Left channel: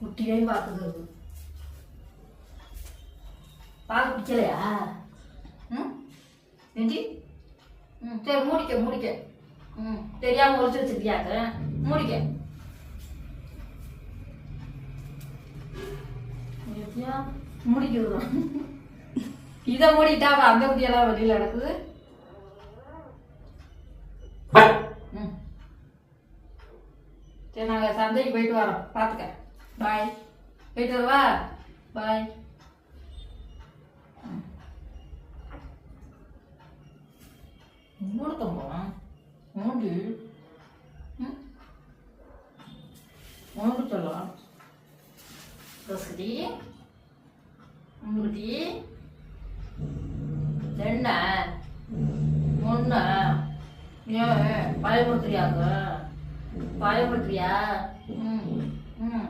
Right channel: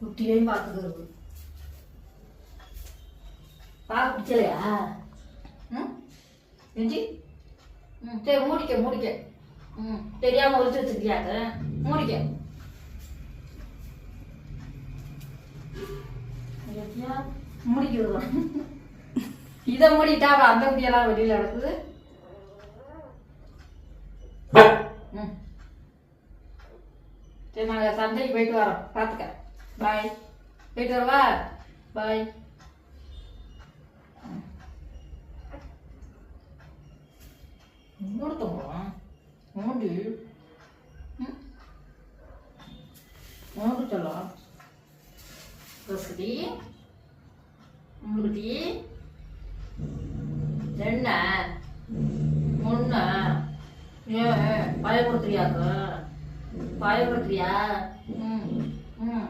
குட்டியையும் பார்க்குது. பார்க்க பிடிக்கலையா? ம் நெஞ்சி சரி மூடிக்க. தெரியாம ஒழிச்சு வச்சிருக்கியாது. மூடிக்க. முடிக்க இதை மூடிட்டா அந்த குட்டியெல்லாம் வெளியில நடக்குது. சரி நாங்க சந்தைக்கு போயிட்டு வரோம். பாத்துக்க. பாய். போயிட்டு வரவா? பாய். மூடுத்தோம் மூடி மூடு சொல்லலாம். கசடி முடி என்ன முன்ன ஏன் பயப்படுத்துறியாங்க? பயப்படுத்துறியா? ம் ம்